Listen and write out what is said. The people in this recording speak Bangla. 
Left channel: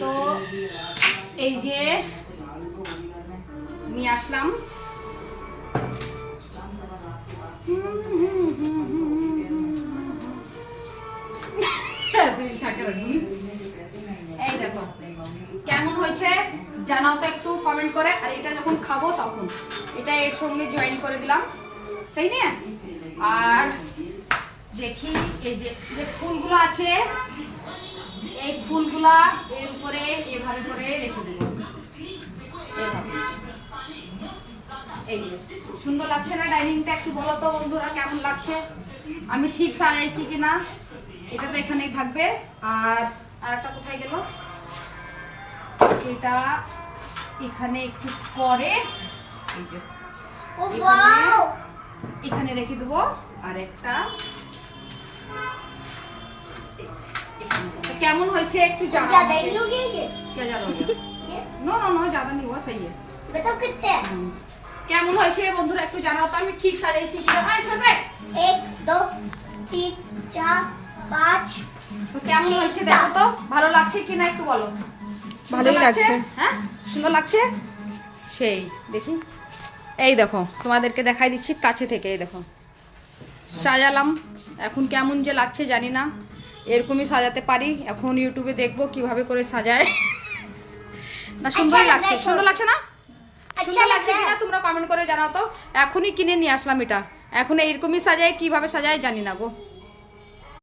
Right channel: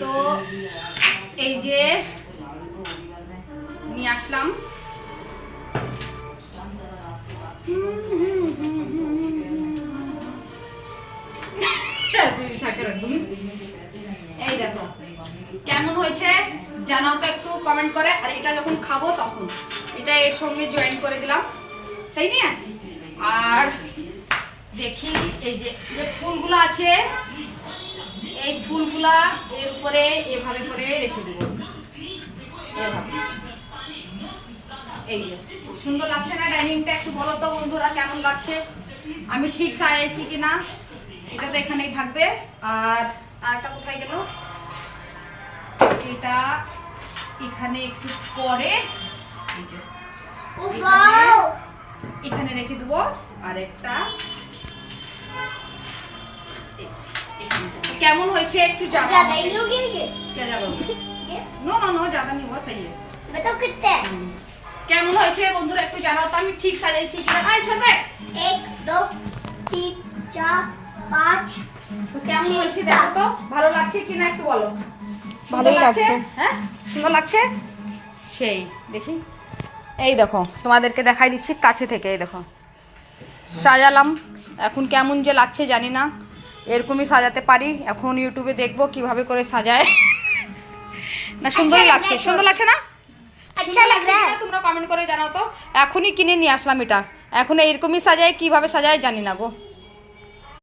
তো এই যে নিয়ে আসলাম, এই দেখো কেমন হয়েছে জানাও তো একটু কমেন্ট করে। আর এটা যখন খাবো তখন এটা এর সঙ্গে জয়েন করে দিলাম, তাই না? আর দেখি এই যে যে ফুলগুলো আছে, এই ফুলগুলা এর উপরে এভাবে করে রেখে দেব। এই সুন্দর লাগছে না ডাইনিংটা? একটু বলো তো বন্ধুরা কেমন লাগছে, আমি ঠিক সাজাইছি কিনা। এটা তো এখানেই থাকবে। আর আরেকটা কোথায় গেল, এটা এখানে একটু পরে এই যে এখানে রেখে দেবো। আর একটা কেমন হয়েছে একটু জানাও। কেমন হয়েছে বন্ধুরা একটু জানাও তো, আমি ঠিক সাজাইছি কিনা। ভাই ছোটে 1 2 3 4 5 তো কেমন হয়েছে দেখো তো, ভালো লাগছে কিনা একটু বলো। ভালোই লাগছে। হ্যাঁ সুন্দর লাগছে। সেই দেখি, এই দেখো তোমাদেরকে দেখাই দিচ্ছি কাছে থেকে। এই দেখো সাজালাম, এখন কেমন যে লাগছে জানি না, এরকমই সাজাতে পারি। এখন ইউটিউবে দেখবো কিভাবে করে সাজায়। না সুন্দরই লাগছে, সুন্দর লাগছে না? সুন্দর লাগছে কিনা তোমরা কমেন্ট করে জানাও তো। এখনই কিনে নিয়ে আসলাম এটা, এখন এইরকমই সাজায়, কিভাবে সাজায় জানি না গো।